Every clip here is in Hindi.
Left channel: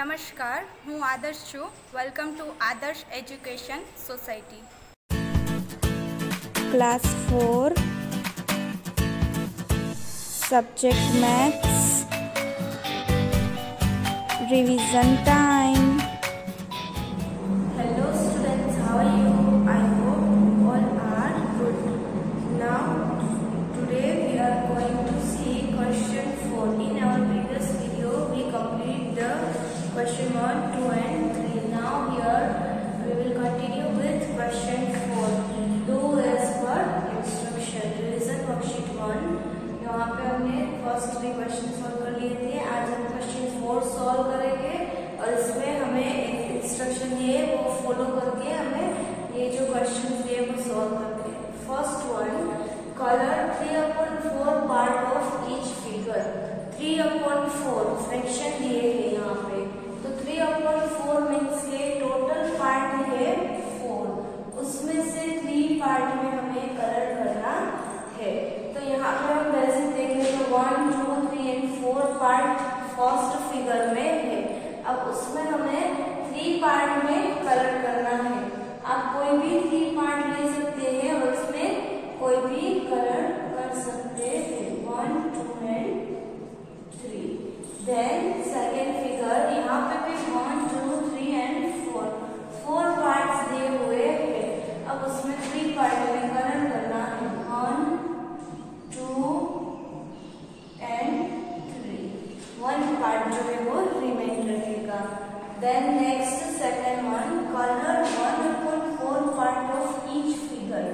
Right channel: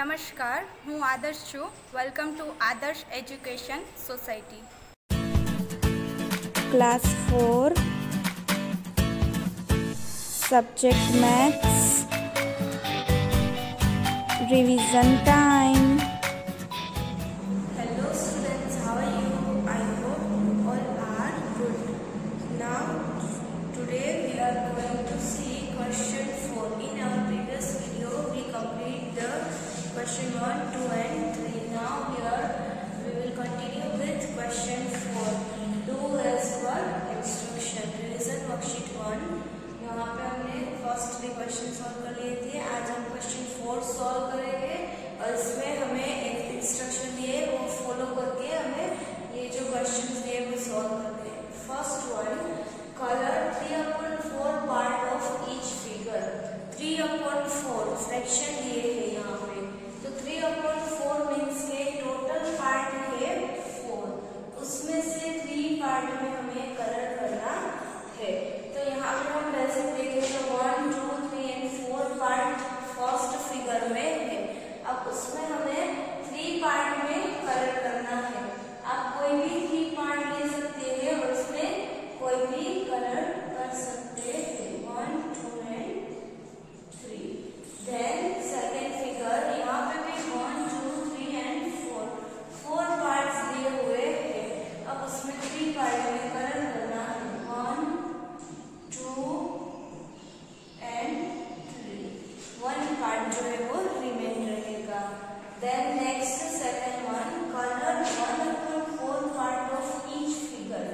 नमस्कार, હું આદર્શ છું. વેલકમ ટુ આદર્શ education society. Class 4 subject maths revision time. Hello students, how are you? I hope all are good. Now today we are going to see question 4. In our previous video we complete the question 1, 2 and 3. Now we will continue with question 4. Do as per instruction. Revision worksheet 1. यहाँ पे हमने फर्स्ट 3 क्वेश्चन सॉल्व कर लिए थे. आज हम क्वेश्चन 4 सॉल्व करेंगे और इसमें हमें एक इंस्ट्रक्शन दिए वो फॉलो करके हमें ये जो क्वेश्चन दिए वो सॉल्व करते हैं. First one, colour 3/4 part of each figure. 3/4 fraction दिए हैं यहाँ पे. तो 3/4 मीन्स के टोटल पार्ट है 4, उसमें से 3 पार्ट में हमें कलर करना है. तो यहाँ पे हम बेसिक देखें तो 1, 2, 3 एंड 4 पार्ट फर्स्ट फिगर में है. अब उसमें हमें 3 पार्ट में कलर करना है. आप कोई भी 3 पार्ट ले सकते हैं और उसमें कोई भी कलर कर सकते हैं. 1, 2 एंड 3. देन सेकेंड फिगर, यहाँ पे भी 1, 2, 3 एंड 4 पार्ट्स दिए हुए हैं. अब उसमें 3 पार्ट में कलर करना है. 1, 2 एंड 3. 1 पार्ट जो है वो रिमेन रहेगा. Then next second one, colour 1/4 part of each figure.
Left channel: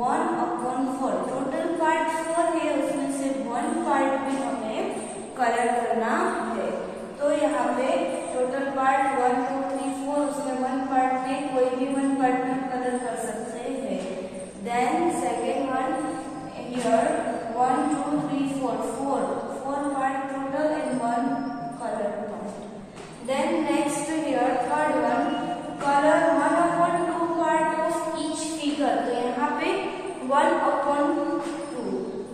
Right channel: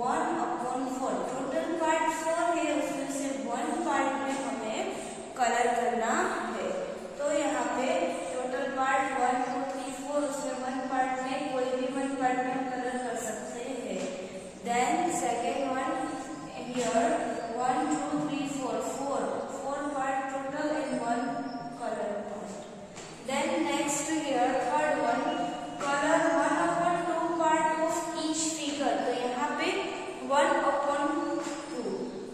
1/4 total part 4 है, उसमें से 1 पार्ट में हमें कलर करना है. तो यहाँ पे टोटल पार्ट 1, 2, 3, 4, उसमें 1 पार्ट में कोई भी 1 पार्ट में कलर कर सकते हैं. Then second one here 1, 2, 3, 4 part total and 1 colour part. Then next here third one, colour 1/2 part of each figure. तो यहाँ पे 1/2.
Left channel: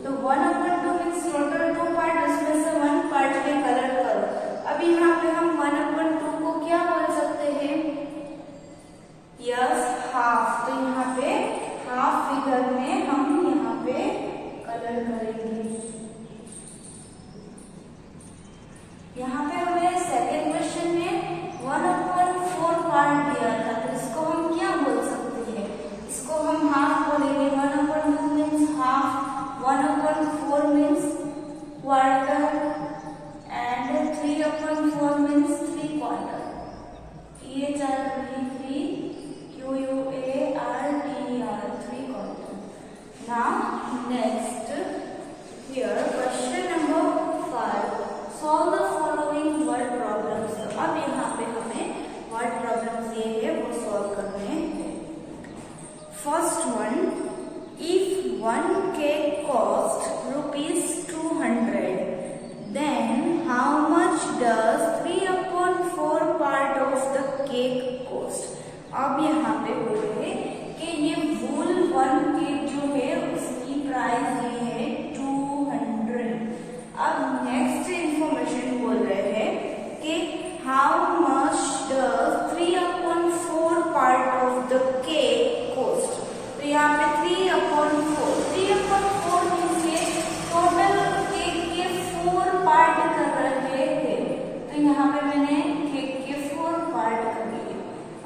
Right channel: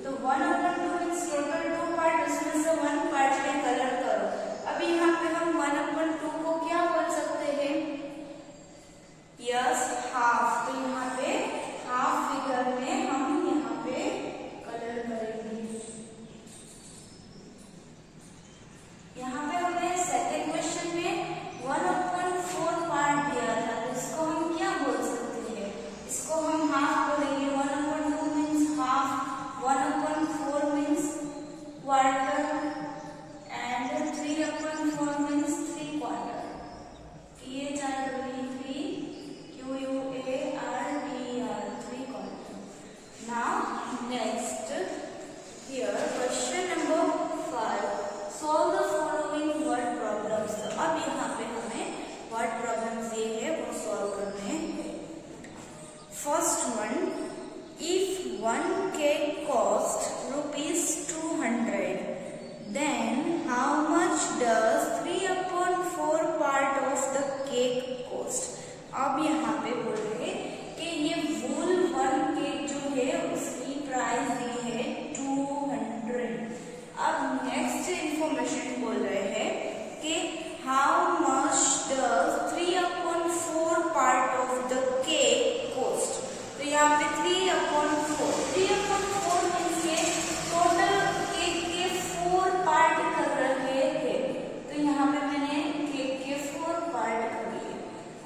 तो 1/2 मीन्स टोटल 2 पार्ट, उसमें से 1 पार्ट में कलर करो. अभी यहाँ पे हम 1/2 को क्या बोल सकते हैं? Yes, half. तो यहाँ पे हाफ फिगर में हम यहाँ पे कलर करेंगे. यहाँ पे हमें सेकेंड क्वेश्चन में 1/4 पार्ट दिया था, तो इसको हम क्या बोल सकते हैं? इसको हम हाफ बोलेंगे. 1/2 means half, 1/4 means quarter and 3/4 means 3 quarter. THR 3 QUARTER 3 quarter. Now next here question number 5, solve the following word problems. तो अब यहाँ पे हमें word problems ये है वो solve करने हैं. First one, if one cake cost ₹200, then how much does 3/4 part of the cake cost? अब यहाँ पे बोल रहे कि ये वूल 1 केक जो है उसकी प्राइस दी है 200. अब नेक्स्ट इंफॉर्मेशन बोल रहे हैं कि how much does 3/4 part of the cake cost. तो यहाँ पे 3/4 मीन्स टोटल केक के 4 पार्ट कर रहे थे. तो यहाँ पे मैंने केक के 4 पार्ट कर लिए.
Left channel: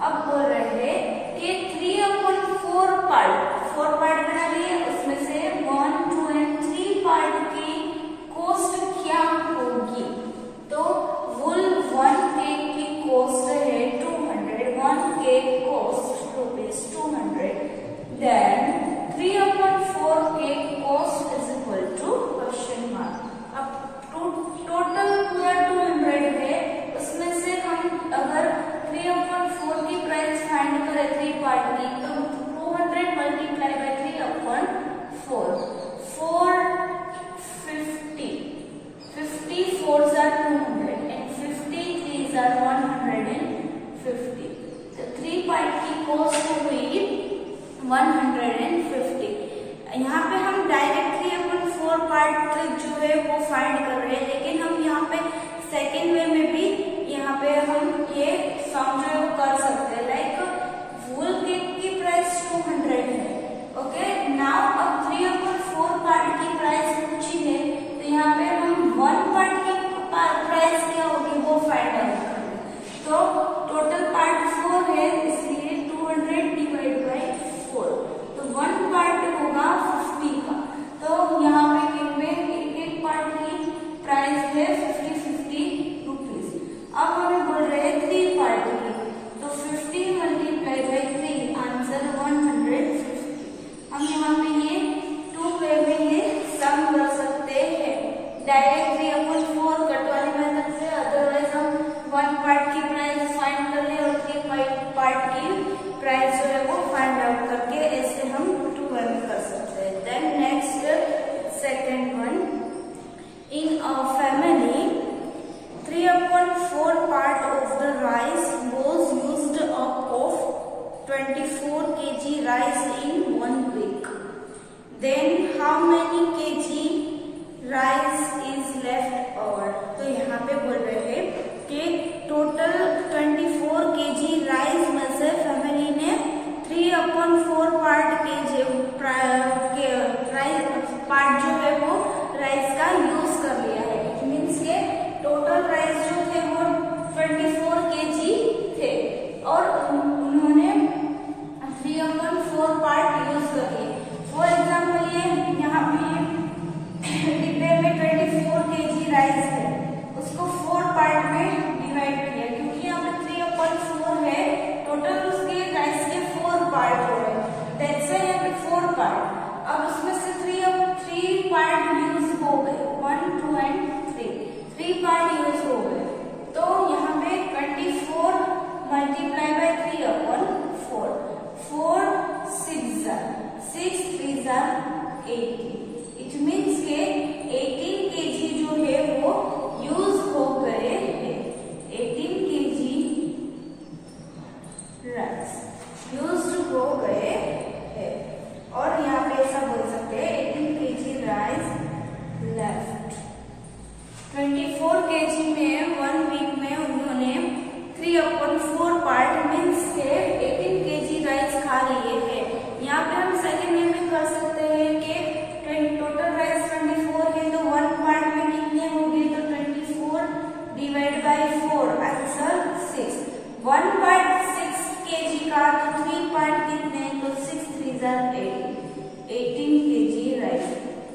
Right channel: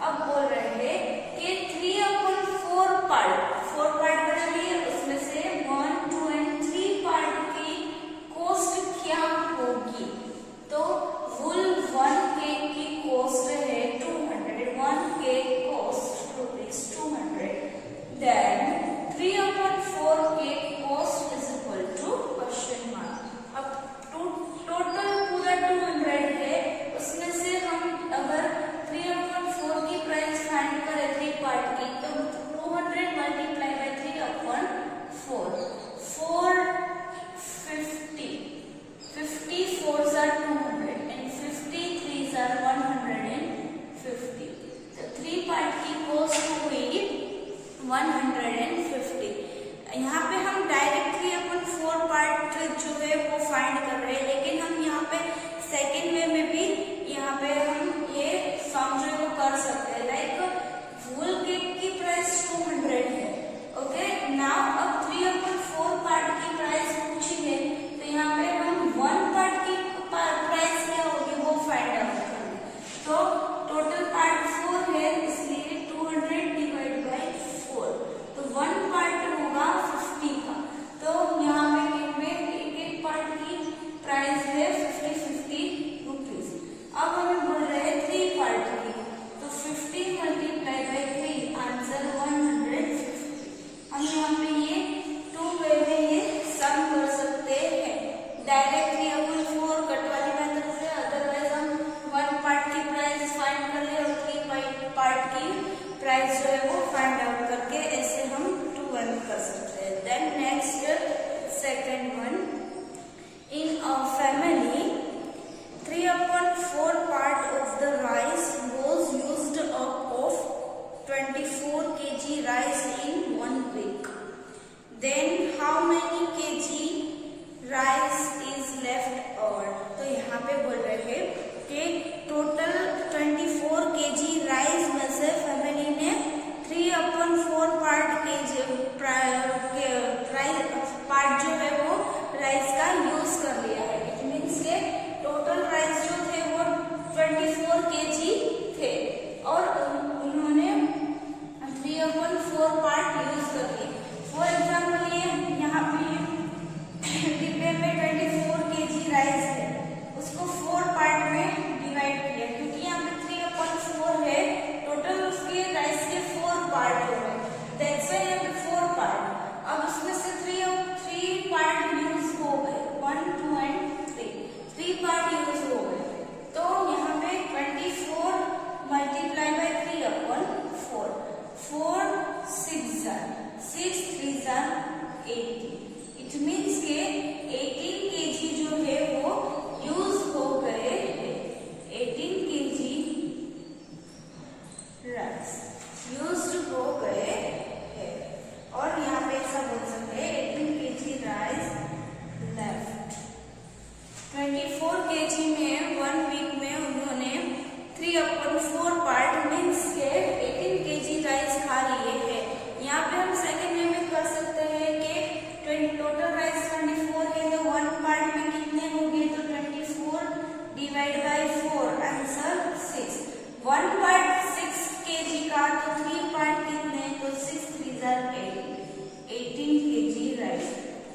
अब बोल रहे हैं कि 3/4 4 पार्ट बना लिए, उसमें से 1, 2 एंड 3 पार्ट की कॉस्ट क्या होगी? तो वुल 1 केक की कॉस्ट है 200. 1 cake cost ₹200. Then 3/4 cake cost is equal to question mark. अब टोटल पूरा 200 है, उसमें से हम अगर 3/4 की प्राइस फाइंड करें 3 पार्ट की, तो 200 multiply by 3/4 50 4s are 200 and 50 3s are 150. तो 3 पार्ट की कॉस्ट हुई 150. यहाँ पे हम डायरेक्ट 3/4 पार्ट जो है वो फाइंड कर रहे हैं, लेकिन हम यहाँ पे सेकेंड वे में भी यहाँ पे हम ये सम जो है वो कर सकते हैं। लाइक वूल केक की प्राइस 200 है। ओके, नाउ अब 3/4 पार्ट की प्राइस पूछी है, तो यहाँ पे हम 1 पार्ट की प्राइस क्या होगी वो फाइंड आउट करेंगे। तो टोटल पार्ट 4 है, इसलिए 200 डिवाइड बाई 4, तो 1 पार्ट होगा 50 का। तो यहाँ पे केक में एक पार्ट की प्राइस है 50 रुपीज। अब हमें बोल रहे हैं 3 पार्ट की, तो 50 मल्टीप्लाई बाई 3, आंसर 150। हम यहाँ पे ये 2 वे में ये सम कर सकते हैं, डायरेक्ट 3/4 कटवारी मेथड से। अदरवाइज हम 1 पार्ट की प्राइस फाइंड कर ले और 3 पार्ट की प्राइस जो है वो फाइंड आउट करके ऐसे हम 2 वे में कर सकते हैं। Then next second one, in a family 3/4 part of the rice was used up of 24 kg rice in 1 week. Then how many kg rice is left over? तो यहाँ पे बोल रहे हैं कि टोटल 24 kg राइस में से फैमिली ने 3/4 पार्ट पार्ट जो है वो राइस का यूज कर लिया है। इट मीन्स के टोटल राइस जो थे वो 24 kg थे और उन्होंने 3/4 पार्ट यूज कर लिए। फॉर एग्जाम्पल ये यहाँ पे डिब्बे में 24 kg राइस है, उसको 4 पार्ट में डिवाइड किया, क्योंकि यहाँ पे 3/4 है, टोटल उसके राइस के 4 पार्ट हो गए, दैट्स व्हाई यहाँ पे 4 पार्ट। अब उसमें से 3 पार्ट यूज हो गए, 1, 2 एंड 3 पार्ट यूज हो गए। तो यहाँ पे 24 मल्टीप्लाई बाई 3/4, 4 6 3 80। इट मीन्स के 18 kg जो है वो यूज हो गए हैं। 18 kg राइस यूज हो गए हैं, और यहाँ पे ऐसा बोल सकते हैं 18 kg राइस लेफ्ट। 24 kg में 1 वीक में उन्होंने 3/4 पार्ट मीन्स के 18 kg राइस खा लिए हैं। यहाँ पे हम सेकेंड में भी कर सकते हैं कि टोटल राइस 24 है, तो 1 पार्ट में कितने होंगे, तो 24 divide by 4, answer 6। 1 part 6 kg का, तो 3 पार्ट कितने, तो 6 3 18 kg राइस।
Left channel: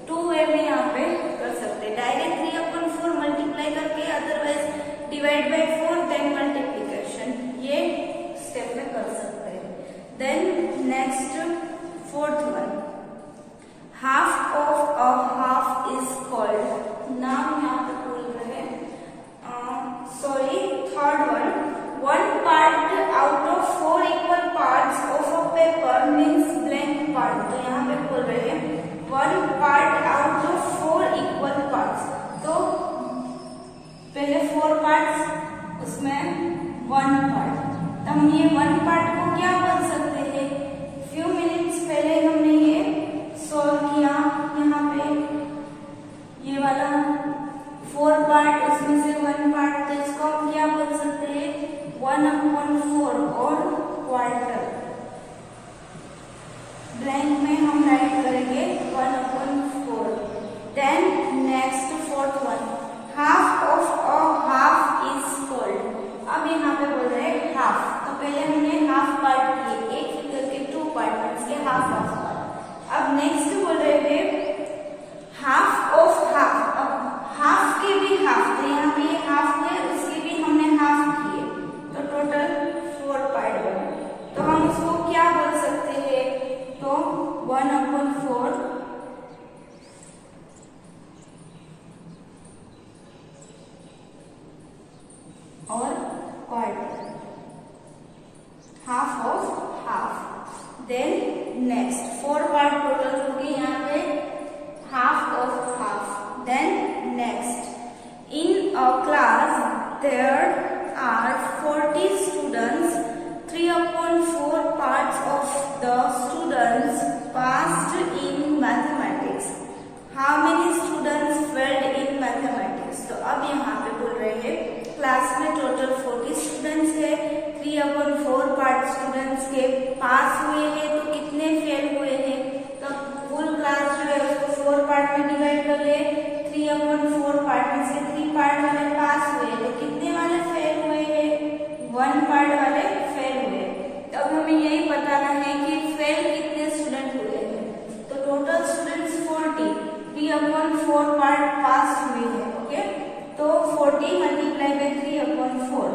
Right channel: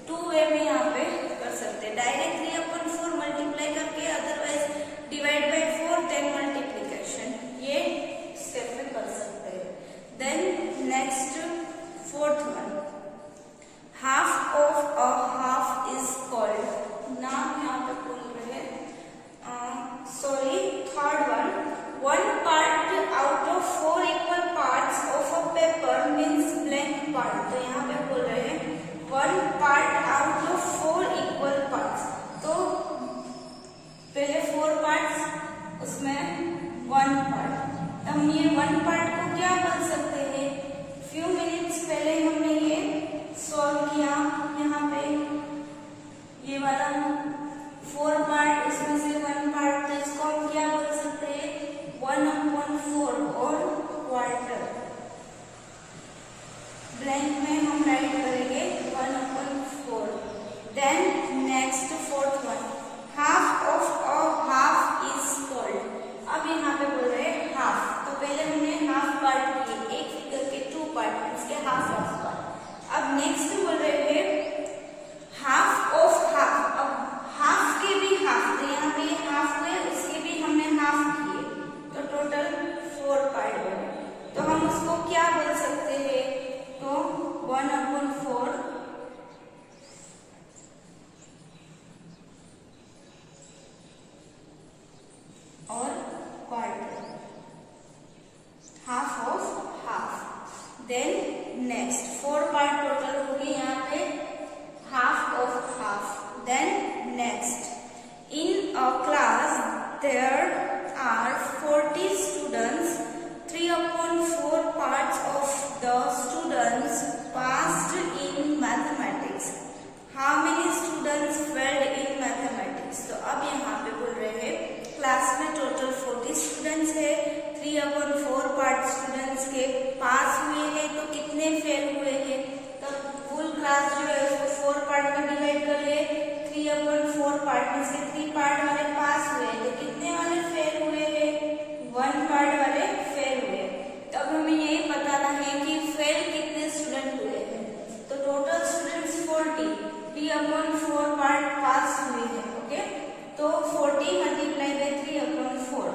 2 वे में यहाँ पे कर सकते हैं, डायरेक्ट 3/4 मल्टीप्लाई करके, अदरवाइज डिवाइड बाई 4 10 मल्टीप्लीकेशन, ये स्टेप में कर सकते हैं। Then next 4th one, half of a half is called, नाम यहाँ पे बोल रहे हैं, sorry 3rd one, 1 part out of 4 equal parts of a paper means blank part. तो यहाँ पे बोल रहे हैं 1 part out of 4 equal parts, तो पहले 4 पार्ट्स, उसमें 1 पार्ट। तो हम ये 1 पार्ट को क्या बोल सकते हैं, फ्यू मिनट्स पहले हमने ये सॉल्व किया। यहाँ पे ये वाला 4 पार्ट, उसमें से 1 पार्ट, तो इसको हम क्या बोल सकते हैं, 1/4 और क्वार्टर। ब्लैंक में हम राइट करेंगे 1/4। Then next 4th one, half of a half is called. अब यहाँ पे बोल रहे हैं हाफ, तो पहले हमने हाफ पार्ट किए, एक फिगर के 2 पार्ट, इसके हाफ पार्ट। अब नेक्स्ट बोल रहे हैं हाफ ऑफ हाफ, अब हाफ के भी हाफ, तो यहाँ पे हाफ है, उसके भी हमने हाफ किए, तो टोटल 4 पार्ट बने। तो हम उसको क्या बोल सकते हैं, तो 1/4 और quarter, half of half. Then next 4 part total हो गए, यहाँ पे half of half. Then next, in a class there are 40 students, 3/4 parts of the students passed in mathematics. How many students failed in mathematics? तो अब यहाँ पे बोल रहे हैं क्लास में टोटल 40 पास हुए हैं तो कितने फेल हुए हैं। तो फुल क्लास जो है उसको 4 पार्ट में डिवाइड कर ले, 3/4 पार्ट में से 3 पार्ट वाले पास हुए तो कितने वाले फेल हुए हैं, 1 पार्ट वाले फेल हुए। तब हमें यही बताना है कि फेल कितने स्टूडेंट हुए हैं। तो टोटल स्टूडेंट्स 40, 3/4 पार्ट पास हुए हैं। ओके, तो 40 multiply by 3/4,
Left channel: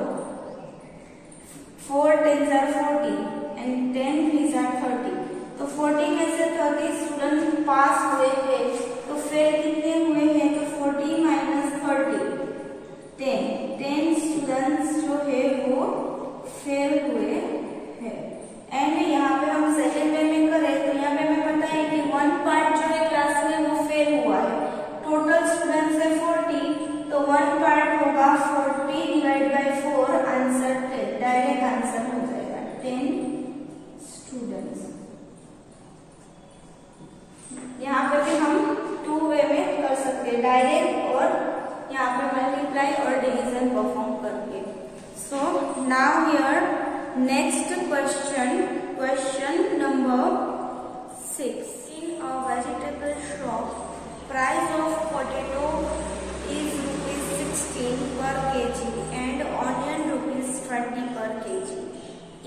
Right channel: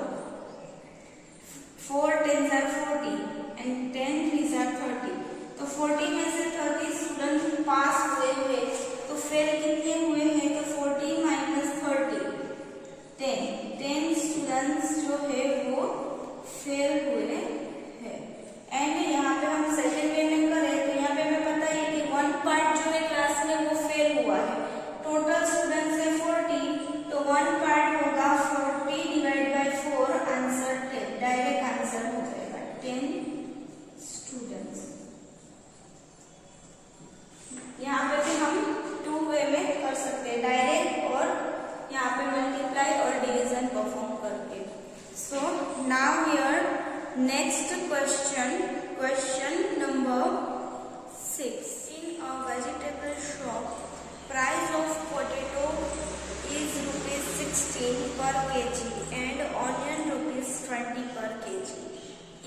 4 10s are 40 and 10 3s are 30। तो 40 में से 30 स्टूडेंट पास हुए हैं तो फेल कितने हुए हैं, तो 40 माइनस 30 10 स्टूडेंट्स जो है वो फेल हुए हैं। एंड यहाँ पे हम सेकंड वे में करें तो यहाँ पे हमें पता है कि 1 पार्ट जो है क्लास में वो फेल हुआ है। टोटल स्टूडेंट्स है 40 तो 1 पार्ट होगा 40 divide by 4, answer 10, direct answer हो जाएगा 10 स्टूडेंट्स। यहाँ पे भी हम 2 वे में कर सकते हैं, डायरेक्ट और यहाँ पे मल्टीप्लाई और डिवीजन परफॉर्म करके। So now here next question number 6। In a vegetable shop price of potato is ₹16 per kg and onion ₹20 per kg.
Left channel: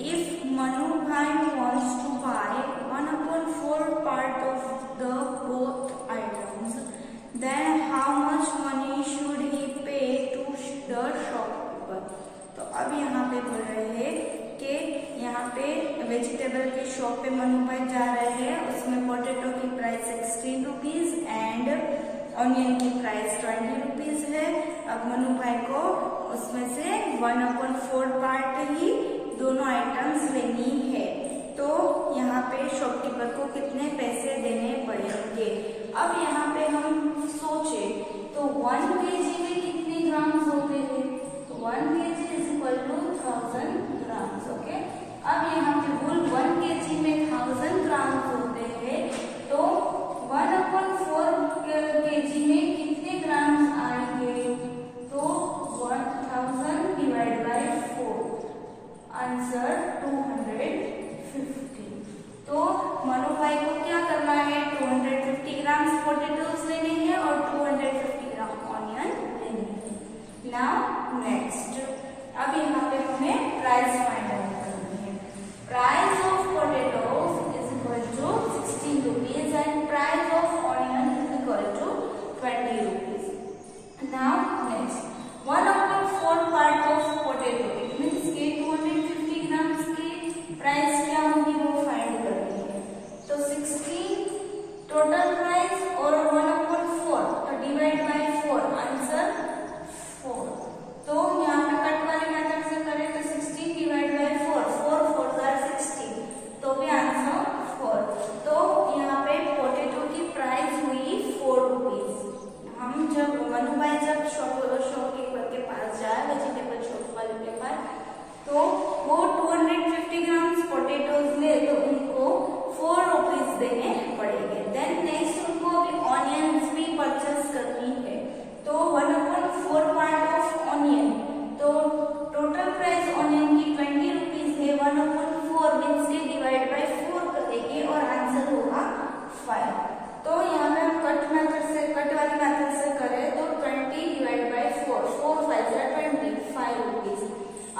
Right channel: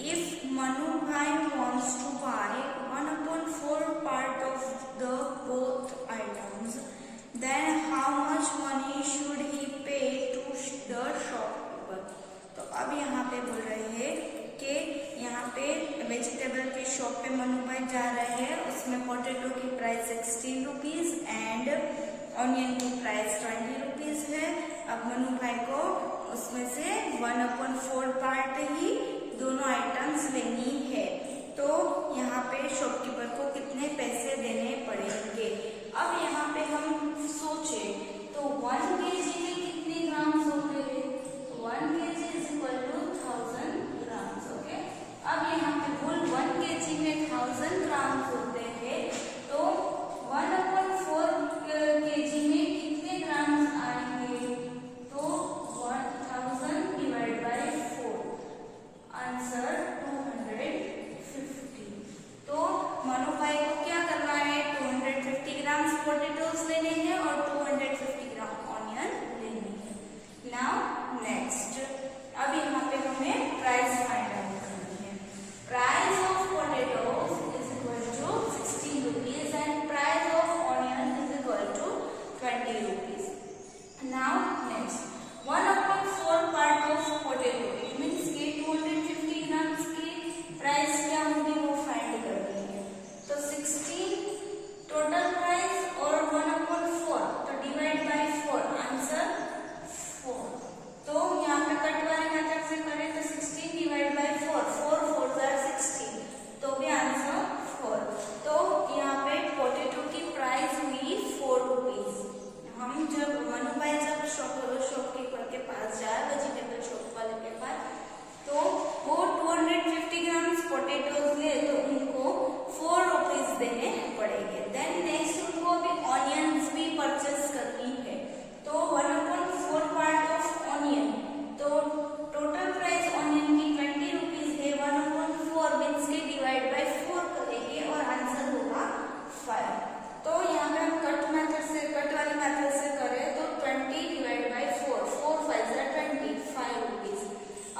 If Manu Bhai wants to buy 1/4 part of the both items, then how much money should he pay to the shopkeeper? तो अब यहाँ पे बोल रहे हैं कि यहाँ पे वेजिटेबल के शॉप पे मनु भाई जा रहे हैं, उसमें पोटैटो की प्राइस ₹16 एंड ऑनियन की प्राइस ₹20 है। अब मनु भाई को उसमें से 1/4 पार्ट ही दोनों आइटम्स लेनी है। तो यहाँ पे शॉपकीपर को कितने पैसे देने पड़ेंगे। अब यहाँ पे हम सोचे तो 1 kg में कितने ग्राम्स होते हैं, 1 kg is equal to 1000 grams. Okay, अब यहाँ पे कुल 1 kg में 1000 ग्राम्स होते हैं तो 1/4 kg में कितने ग्राम्स आएंगे, तो 1000 डिवाइड बाय 4, आंसर 250। तो मनु भाई को क्या करना है, 250 ग्राम्स पोटैटोज लेने हैं और 250 ग्राम ऑनियन लेने हैं। नाउ नेक्स्ट, अब यहाँ पे हमें प्राइस फाइंड आउट करनी है। Price of potatoes is equal to ₹16 and price of onion is equal to ₹20। Now next, 1/4 part of potato it means 250 grams की प्राइस क्या होगी वो फाइंड करनी है। तो 16 टोटल प्राइस और 1/4 तो डिवाइड बाय 4, आंसर 4। तो यहाँ पे कट वाली मेथड से करें तो 16 डिवाइड बाय 4, 4 4 16 तो भी आंसर 4। तो यहाँ पे पोटैटो की प्राइस हुई ₹4। हम जब मनु भाई जब शॉपकीपर के पास जाए, वेजिटेबल शॉप वाले के पास, तो वो 250 ग्राम्स पोटैटोज ले तो उनको ₹4 देने पड़ेंगे। देन नेक्स्ट उनको अभी ऑनियंस भी परचेस करनी है तो 1/4 पार्ट ऑफ ऑनियन, तो टोटल प्राइस ऑनियन की ₹20 है, 1/4 मीन्स के डिवाइड बाय 4 करेंगे और आंसर होगा 5। तो यहाँ पे हम कट वाली मेथड से करें तो 20 डिवाइड बाय 4, 4 5 20, ₹5।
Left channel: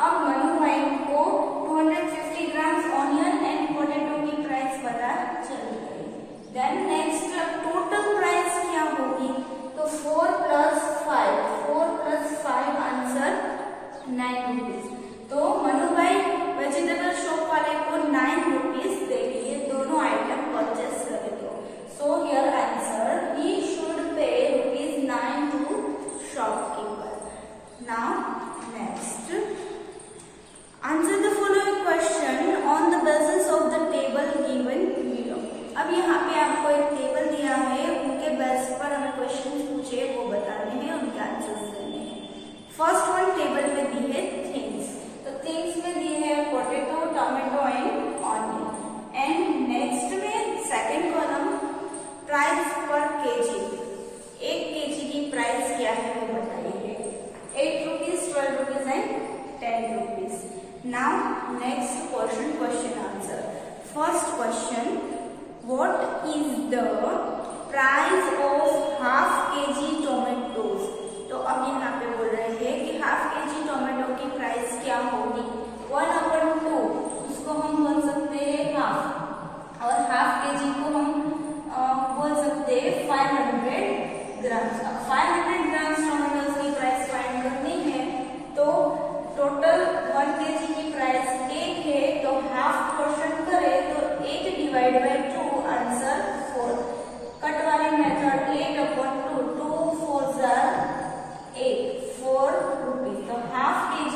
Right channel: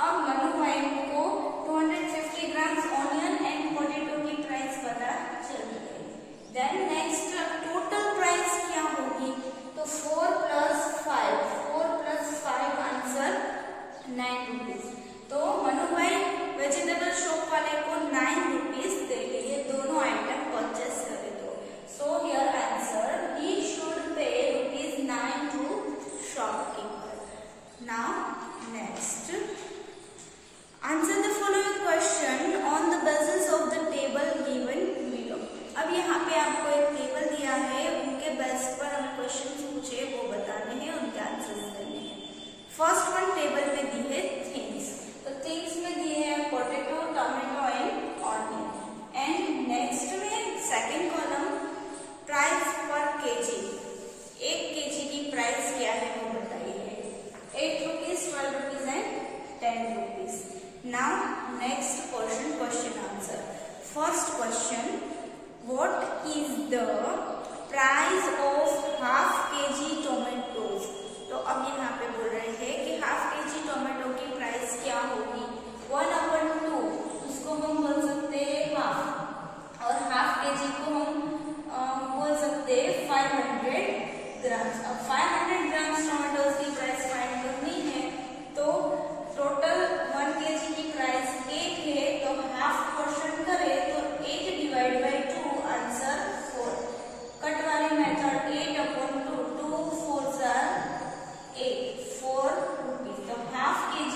अब मनु भाई को 250 ग्राम्स ऑनियन एंड पोटैटो की प्राइस पता चली गई। देन नेक्स्ट टोटल प्राइस क्या होगी, तो 4 + 5 आंसर ₹9। तो मनु भाई वेजिटेबल शॉप वाले को ₹9 देंगे दोनों आइटम परचेस करे तो। So here answer he should pay ₹9 to shopkeeper. Now next, answer the following question on the basis of the table given below. अब यहाँ पे आपको एक टेबल दिया है, उनके बेस पर हमें क्वेश्चन पूछे वो बताने हैं, उनके आंसर देने हैं। फर्स्ट वन टेबल में दी है थिंग्स, तो थिंग्स में दी है potato, tomato and onion. And next में सेकंड कॉलम प्राइस पर केजी, 1 kg की प्राइस क्या है वो बताइए, ₹8, ₹12 and ₹10। Now next question answer. First question, what is the price of half kg tomatoes. तो अब यहाँ पे बोल रहे हैं कि हाफ kg टोमेटो की प्राइस क्या होगी। 1/2 इसको हम बोल सकते हैं हाफ, और हाफ kg को हम बोल सकते हैं 500 ग्राम्स। अब 500 ग्राम्स टोमेटोज की प्राइस फाइंड करनी है, तो टोटल 1 kg की प्राइस 8 है, तो हाफ पोर्शन करें तो 8 डिवाइड बाई 2, आंसर 4। कट वाली मेथड 8/2, 2 4s are 8, 4 रुपीज। तो हाफ kg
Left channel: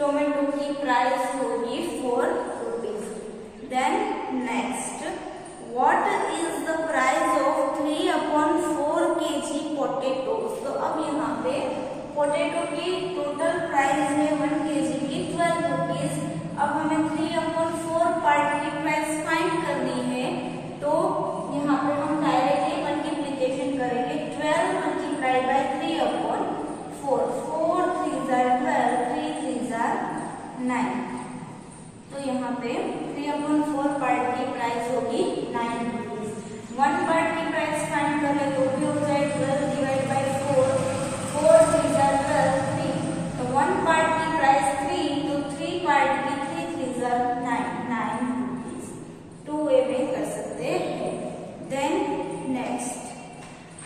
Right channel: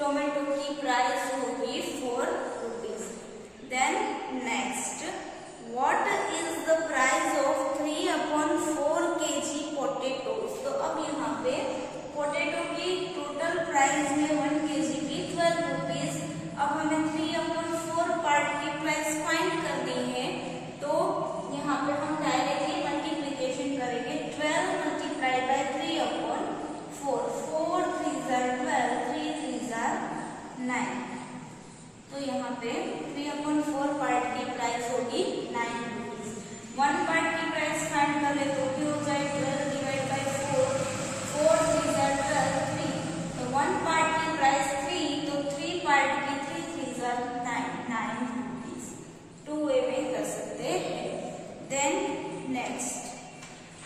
टोमेटो की प्राइस होगी 4 rupees. Then next, what is the price of 3/4 kg potatoes. तो अब यहाँ पे पोटेटो की टोटल प्राइस है 1 kg की 12 रुपीज। अब हमें 3/4 पार्ट की प्राइस फाइंड करनी है, तो यहाँ पे हम डायरेक्टली मल्टीप्लीकेशन करेंगे। 12 multiplied by 3/4, 4 3s are 12, 3 3s are 9। तो यहाँ पे 3/4 पार्ट की प्राइस होगी 9 रुपीज। 1 पार्ट की प्राइस फाइंड करें तो भी हो जाए 12 डिवाइड बाय 4, 4 3s are 12, 3। तो 1 पार्ट की प्राइस 3, तो 3 पार्ट की 3 3s are 9 रुपीज। 2 वे में कर सकते हैं। Then next,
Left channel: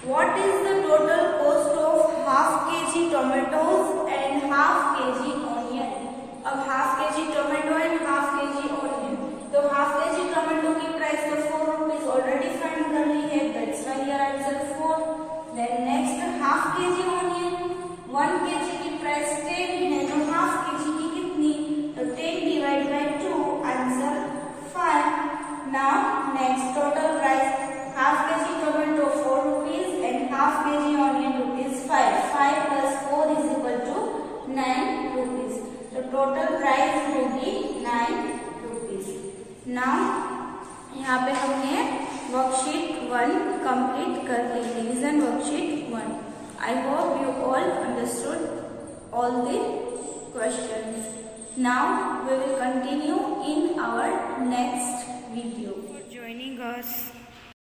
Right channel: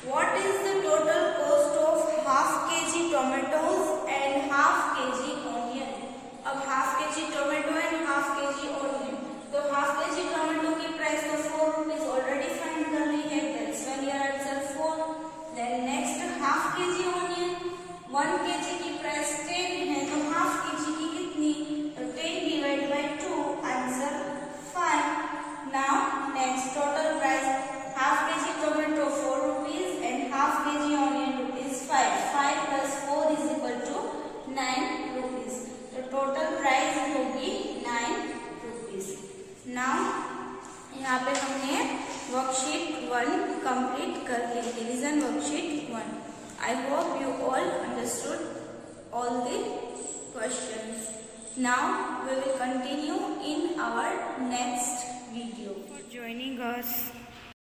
what is the total cost of half kg tomatoes and half kg onion. अब half kg tomato and half kg onion, तो हाफ kg टोमेटो की प्राइस तो 4 रुपीज ऑलरेडी फाइंड कर ली है, that's why your answer 4। Then next, half kg onion, 1 kg की प्राइस 10 है, तो हाफ kg की कितनी, तो 10 divide by 2, answer 5। Now next, total price half kg tomato 4 rupees and half kg onion rupees 5, 5 plus 4 is equal to 9 rupees. तो टोटल प्राइस होगी 9 रुपीज। नाउ यहाँ पे हमने वर्कशीट 1 कंप्लीट कर ली, revision worksheet 1। I hope you all understood all the questions. Now we will continue in our next video. For joining us.